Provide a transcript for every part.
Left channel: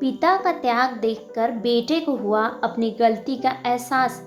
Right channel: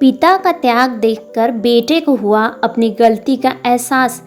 पिता का त्याग देखकर बेटे को हुआ अपनी गलती का एहसास।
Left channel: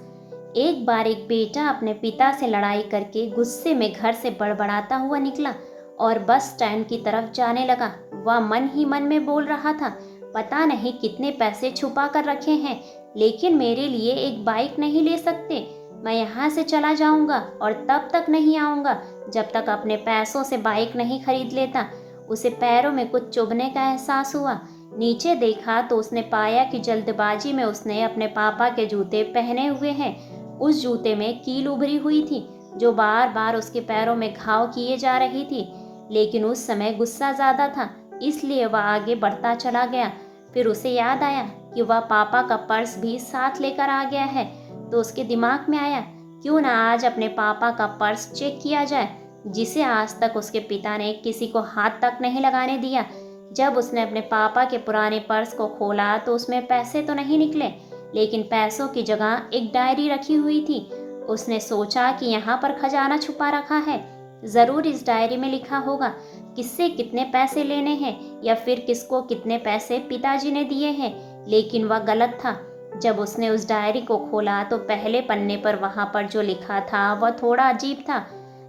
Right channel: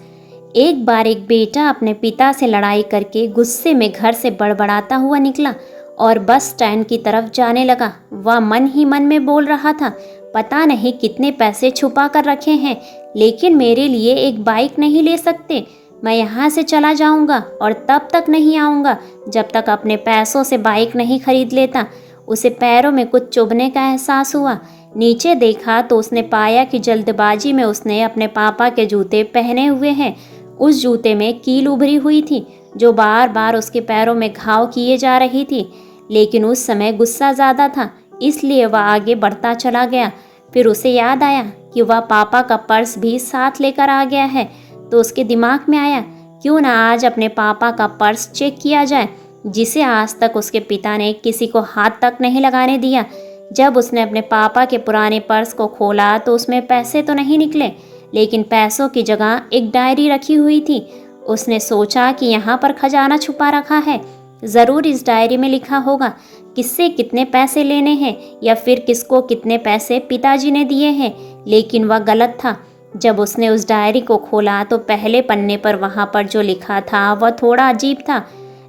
एक बार एक बेटा अपने पिता से लड़ाई करके गुस्से में घर से बड़बड़ाता हुआ निकला और बस स्टैंड की तरफ जाने लगा। वह मन ही मन में बोल रहा था, पता नहीं कितने पैसे छुपा कर रखे हैं, लेकिन मेरे लिए एक बाइक नहीं ले सकते। मैं यहाँ से चला जाऊँगा और तब तक नहीं आऊँगा जब तक अपने पैसों से बाइक नहीं खरीद लेता। उसे पैरों में कुछ चुभने का एहसास हुआ। नीचे देखा तो उसने पाया कि जल्दबाजी में उसने अपने पापा के जूते पहने हुए हैं। उस जूते में कील उभरी हुई थी जो बार बार उसके पैरों में घाव किए जा रही थी, लेकिन उस समय गुस्सा ज़्यादा था, इसलिए वह आगे बढ़ता चला गया। फिर उसे याद आया कि वह पापा का पर्स भी साथ लेकर आ गया है, तो उसके दिमाग में आया क्यों ना आज अपने पापा का पर्स चेक किया जाए, जिसे आज तक उसके पिता ने किसी को हाथ तक नहीं लगाने दिया। जब उसने अपने पापा के पुराने पर्स को खोला तो उसमें पैसे तो नहीं निकले, लेकिन पैसों की जगह एक डायरी रखी हुई थी। उसने सोचा कि यहाँ पर खजाना छुपा रखा है, ज़रूर इस डायरी में लिखा होगा किससे कितने पैसे लेने हैं या फिर किसको कितने पैसे पिताजी ने दिए हैं। लेकिन वह गलत था। जब उसने उस डायरी को खोला तो पहले पन्ने पर वहाँ पर जो लिखा था वह थोड़ा अजीब था।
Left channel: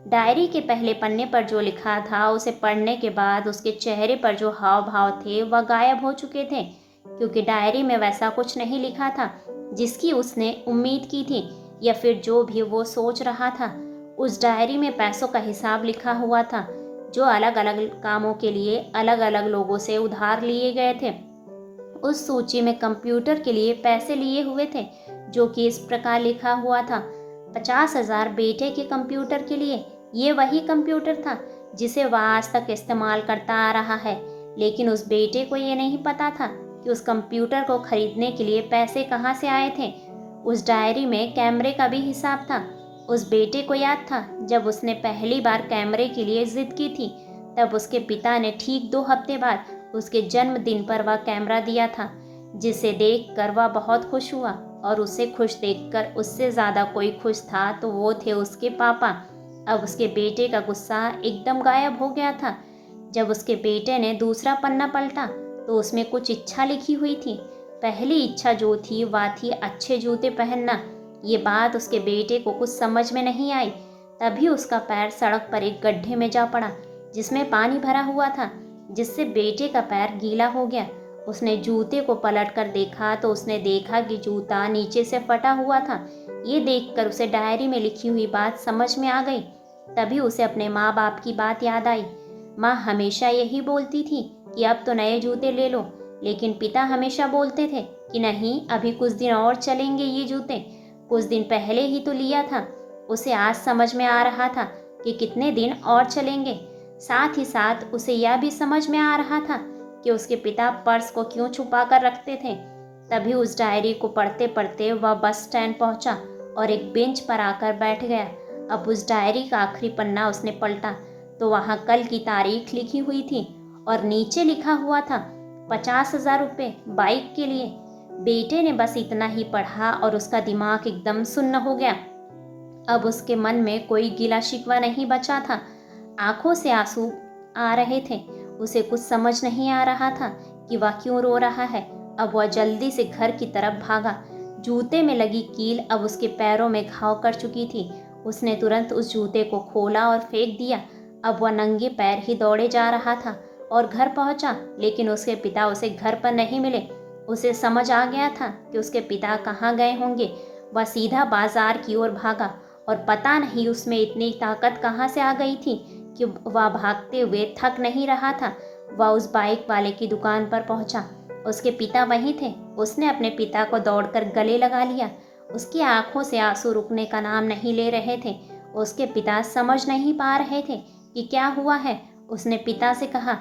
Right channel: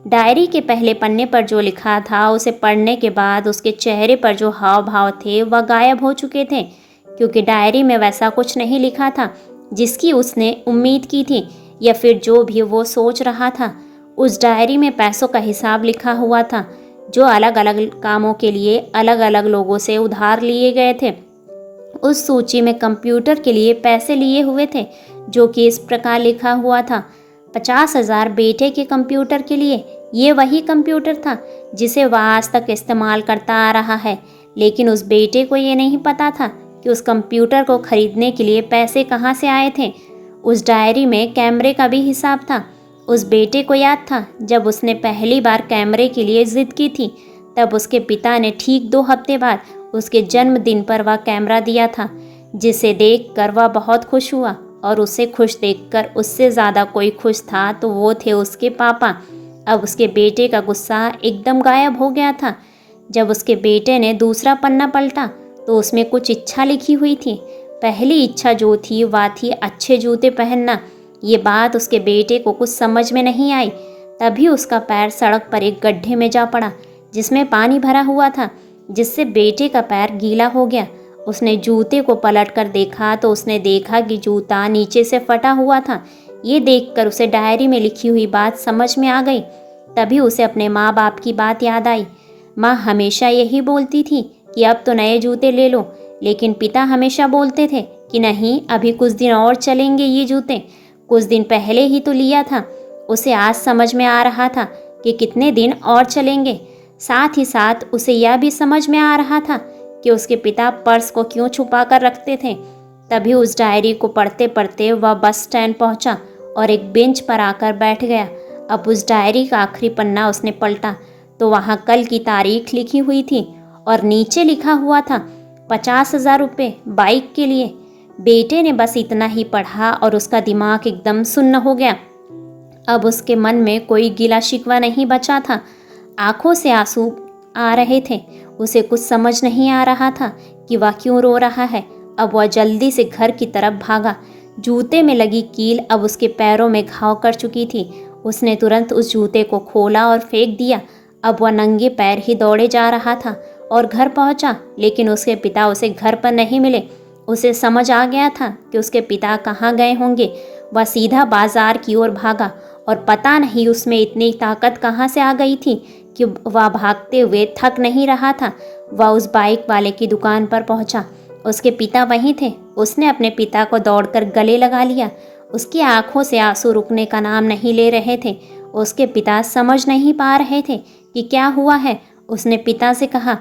डायरी के पहले पन्ने पर जो लिखा था उसे पढ़ने के बाद उसके चेहरे पर जो हाव भाव थे वह गायब हो चुके थे, क्योंकि डायरी में वैसा कुछ नहीं लिखा था जिसकी उसने उम्मीद की थी या फिर जो भी वो सोच रहा था। उस डायरी में पैसों का हिसाब लिखा हुआ था जो अलग अलग कामों के लिए अलग अलग लोगों से उधार लिए गए थे। उस सूची में कंप्यूटर के लिए पैसे लिए हुए थे, जो कि इस प्रकार लिखा हुआ था, 50,000 बेटे के कंप्यूटर के लिए। ये वही कंप्यूटर था जिसे वह आज तक इस्तेमाल करता आ रहा है, लेकिन उस बेटे को ये नहीं पता था कि उस कंप्यूटर को खरीदने के लिए पैसे कहाँ से आए थे। उस डायरी में कैमरे का भी हिसाब था। उस बेटे को याद था जब उसने पहली बार कैमरे के लिए ज़िद की थी, तब उसके पिता ने ठीक 2 हफ्ते बाद उसके जन्मदिन पर वह कैमरा दिया था, जिसे देखकर वह बहुत खुश हुआ। और उसे खुश देखकर उससे ज़्यादा कोई खुश था तो वो थे उसके पापा। अब उसके बेटे का गुस्सा एकदम गायब हो गया था। जब उसके बेटे ने दूसरा पन्ना पलटा तो उसमें कुछ इच्छा लिखी हुई थी। पहली इच्छा जो थी वह थी अच्छे जूते पहनना। ये बात उसके बेटे को कुछ समझ में नहीं आई। तभी उसका पैर सड़क पर एक गड्ढे में जा पड़ा जिसमें पानी भरा हुआ था, जिससे बेटे का पैर गीला हो गया। उसने जूते को पलटकर देखा तो उसने देखा कि जूता नीचे से फटा हुआ था। ये देखकर उसे डायरी में लिखी हुई बात समझ में आ गई। तभी उसे अपने माँ बाप की बात याद आई। माँ हमेशा यही बोलती थी कि अब तो नए जूते ले लो, लेकिन पिता हमेशा बोलते थे कि नहीं, अभी कुछ दिन और चलेंगे ये जूते, कुछ दिन पहले ही तो लिया था। उसे आज समझ में आ रहा था कि कितने दिन और चलेंगे। साथ ही साथ उसे यह भी समझ में आ रहा था कि उसके पिता पर्स को क्यों छुपा कर रखते थे। तभी उस डायरी को पढ़ते पढ़ते वह बस स्टैंड पहुंचा और एक बेंच पर आकर बैठ गया। अब उस डायरी का आखिरी पन्ना उसने पलटा तो वहाँ कल की तारीख लिखी हुई थी और नीचे लिखा हुआ था 50,000 रुपये बाइक के लिए। बेटे ने बस इतना ही पढ़ा और उसका दिमाग एकदम सुन्न हो गया। अब उसके मन में कोई गिला शिकवा नहीं बचा था। आंखों से आंसू आ रहे थे। उसे कुछ समझ नहीं आ रहा था कि वह क्यों रो रहा है। अब वह जल्दी से घर की तरफ भागा। जूते में लगी कील अब उसके पैरों में घाव कर चुकी थी। उसने तुरंत उस जूते को खोला और फेंक दिया। अब वह नंगे पैर ही दौड़े जा रहा था और घर पहुंचा, लेकिन उसके पिता उसे घर पर नहीं मिले। उसे समझ आ गया था कि उसके पिता कहाँ गए होंगे। वह सीधा बाजार की ओर भागा और पता नहीं उसमें इतनी ताकत कहाँ से आ गई थी कि वह भागते हुए थक नहीं रहा था। वह उस बाइक वाले की दुकान पर पहुंचा। उसके पिता वहीं थे। उसने अपने पिता को दौड़कर गले लगा लिया। उसकी आंखों से आंसू रुकने का नाम नहीं ले रहे थे। उसके पिता समझ नहीं पा रहे थे कि क्या हुआ है। उसने पिता से कहा,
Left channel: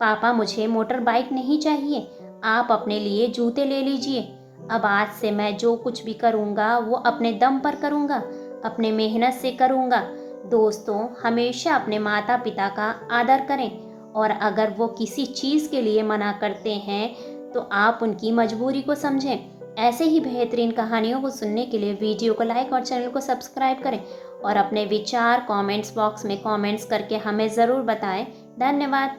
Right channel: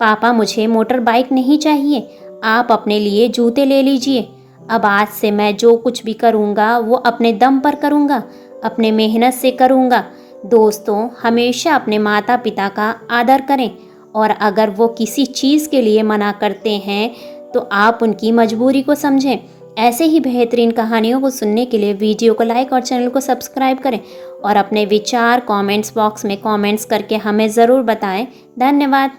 पापा मुझे मोटर बाइक नहीं चाहिए, आप अपने लिए जूते ले लीजिए। अब आज से मैं जो कुछ भी करूँगा वो अपने दम पर करूँगा, अपने मेहनत से करूँगा। दोस्तों, हमेशा अपने माता पिता का आदर करें और अगर वो किसी चीज़ के लिए मना करते हैं तो आप उनकी मजबूरी को समझें। ऐसे ही बेहतरीन कहानियों को सुनने के लिए वीडियो को लाइक और चैनल को सब्सक्राइब करें और अपने विचार कमेंट्स बॉक्स में कमेंट्स करके हमें ज़रूर बताएं। धन्यवाद।